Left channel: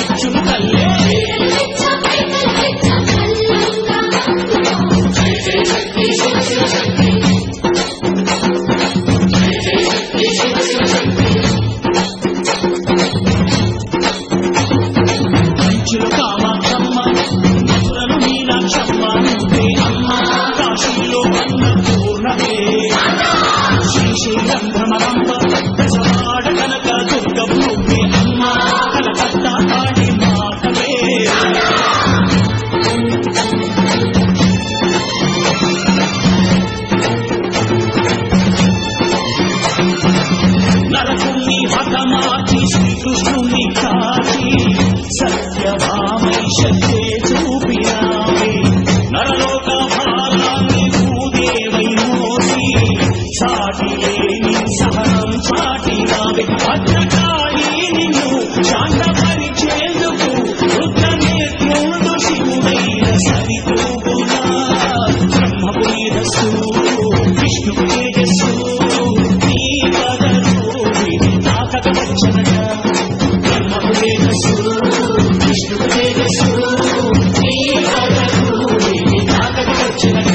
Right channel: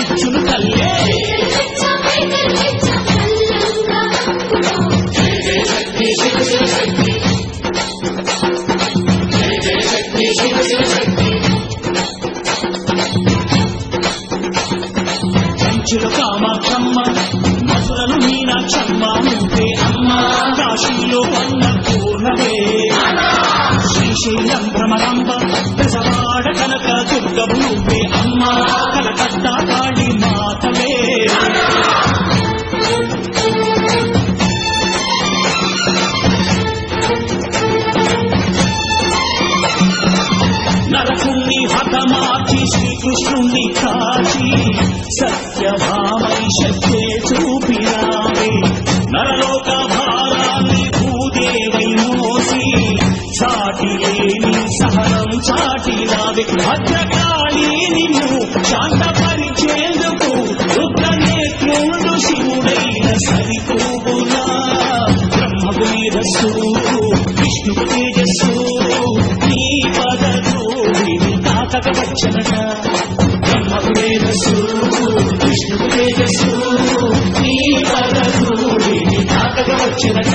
ఇచ్చును తల్లే. కంచులు కామాక్షమ్మ మధురలు మీనాక్షమ్మ నువ్వే అమ్మ కాశీలో అన్న పూర్ణవే శ్రీశైలం భ్రమరంబ దశవాడ కనక దుర్గము నువ్వే అమ్మ కలకత్తా కాళీ మాతవే. నరకుణ్ణి హతమార్చి శ్రీకృష్ణుణ్ణి కాచి సత్యభామై శక్తే చూపినావే. నరలోక భా చాటి లేని సహనం చాటినావే. భద్రకాళి నిన్ను శాంతపరిచేందుకు రుద్రనేత్రుడు శివుడైన సరితూగునా. బ్రహ్మకు మేధస్సు విష్ణుకు తేజస్సు నీ పదరూపిని తాకక వచ్చనట బ్రహ్మకు మేధస్సు విష్ణుకు తేజస్సు నీ పదరూపిని తాకక వచ్చనట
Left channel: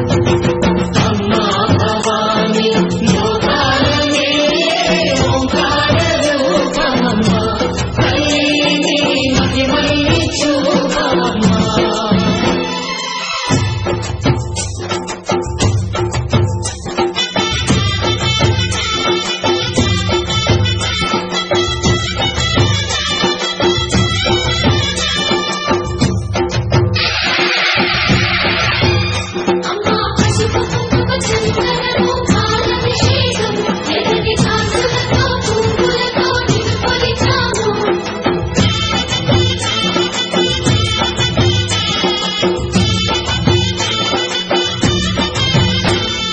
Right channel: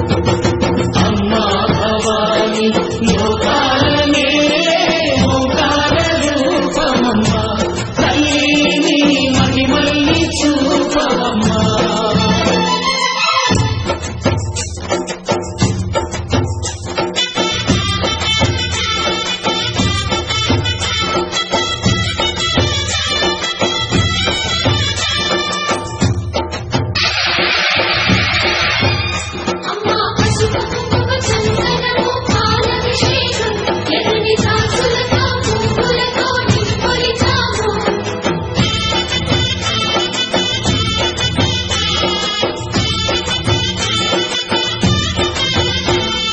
ஓங்கார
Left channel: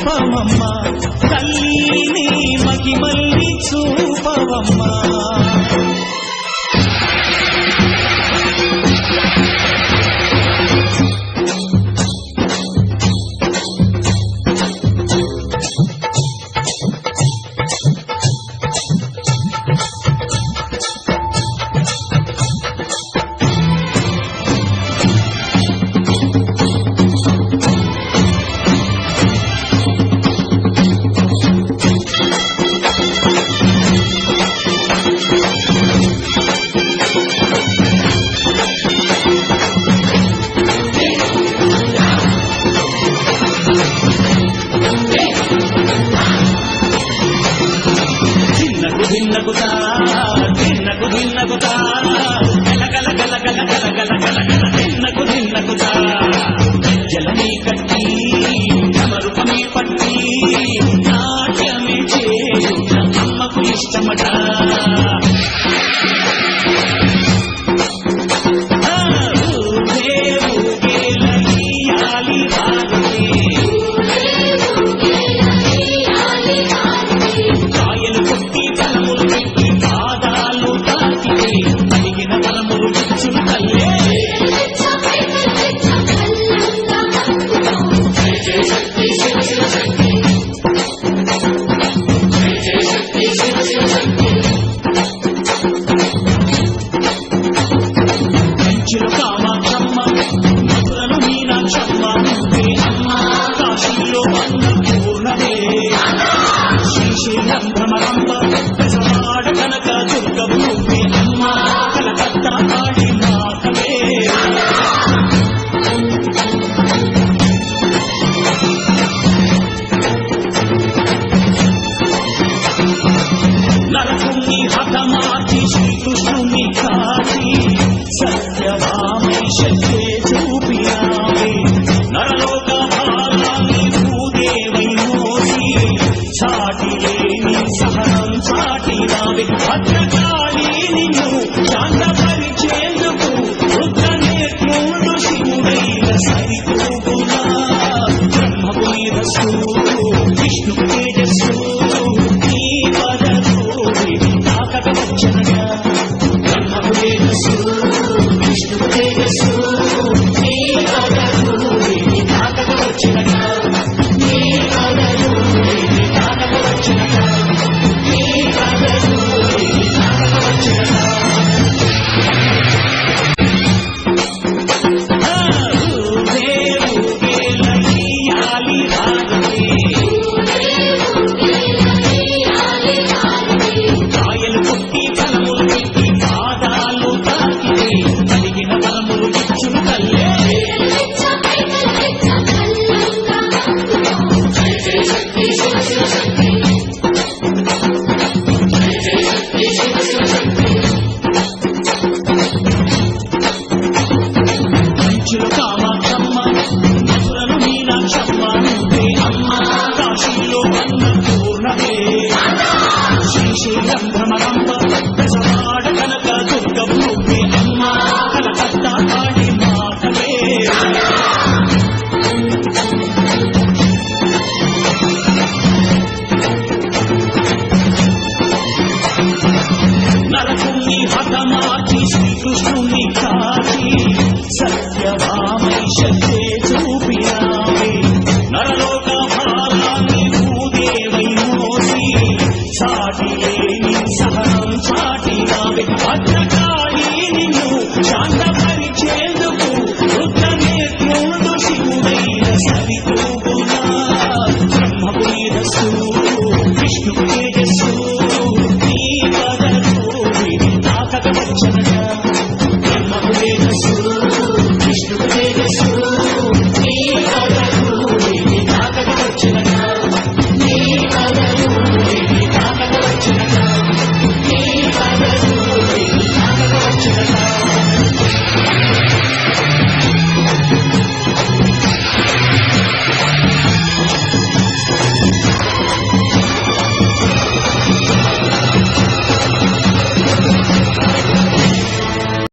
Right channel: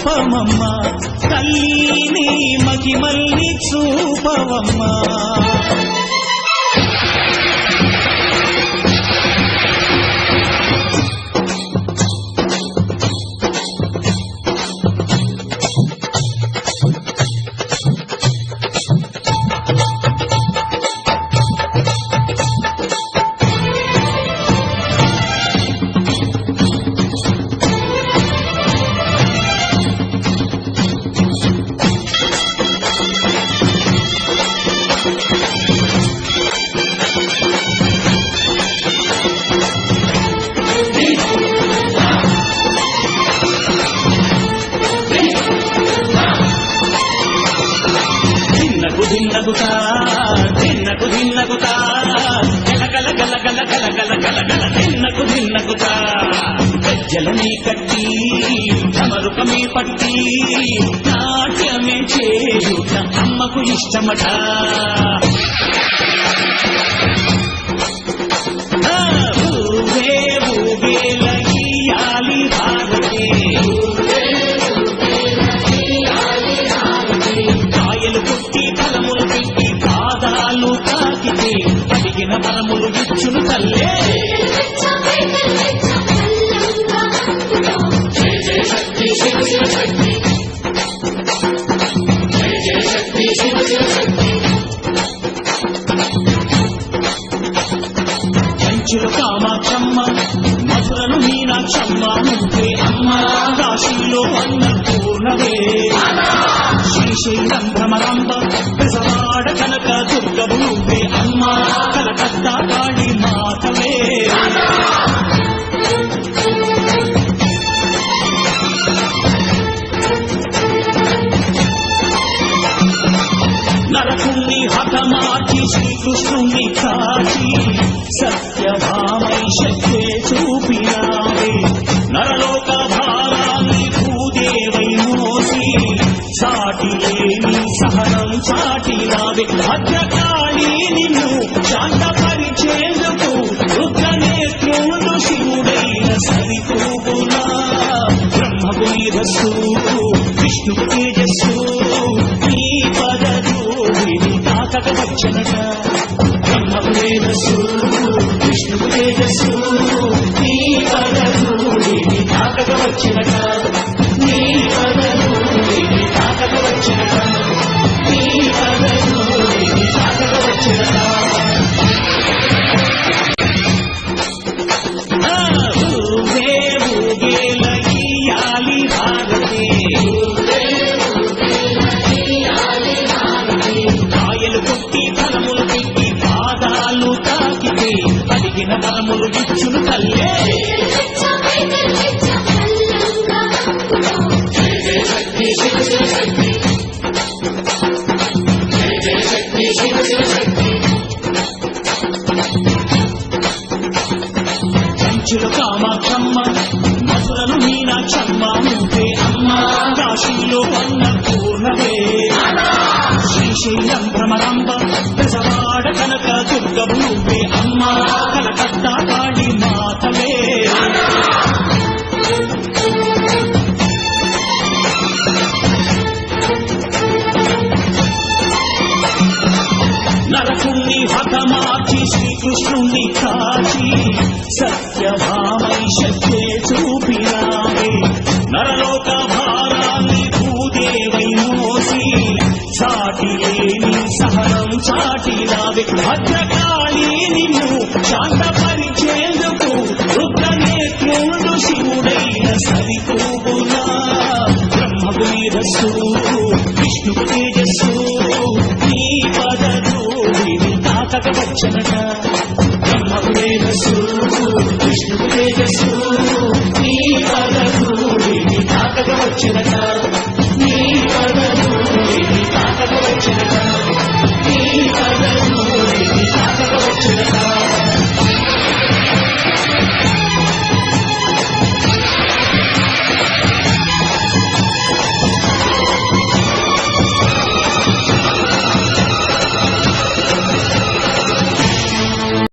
రూపమమ్మా తల్లి నీ మహిమల్ని చూపవమ్మా. తిన్నకుతా తిన్నకు తిన్నకుతా గలగల గల గలగల గలగల తిన్నకు తిన్నకుతా గజ్జలనే కట్టి సమరుపమే పట్టి నాట్యమే చేయుట అమ్మకు ఇష్టమట. అమ్మ పెసవాడ కనక దుర్గవు నువ్వే అమ్మ కలకత్తా కాళీ మాతవే. నరకుణ్ణి హతమార్చి శ్రీకృష్ణుణ్ణి కాచి చాటినావే భద్రకాళి నిన్ను శాంతపరిచేందుకు రుద్రనేత్రుండు శివుడైన సరితూగులా బ్రహ్మకు మేధస్సు విష్ణుకు తేజస్సు నీ పద ధూళిని తాకక వచ్చనట బ్రహ్మకు మేధస్సు విష్ణుకు తేజస్సు నీ పద ధూళిని తాకక వచ్చనట Take కాశీలో అన్నపూర్ణవే శ్రీశైలం భ్రమరంబ దశవాడ కనక దుర్గవు నువ్వే అమ్మ కలకత్తా కాళి మాతవే. నరకుణ్ణి హతమార్చి శ్రీకృష్ణుణ్ణి కా చాటినావే భద్రకాళి నిన్ను శాంతపరిచేందుకు రుద్రనేత్రుండు శివుడైన సరితూగులా బ్రహ్మకు మేధస్సు విష్ణుకు తేజస్సు నీ పద ధూళిని తాకక వచ్చనట to the top.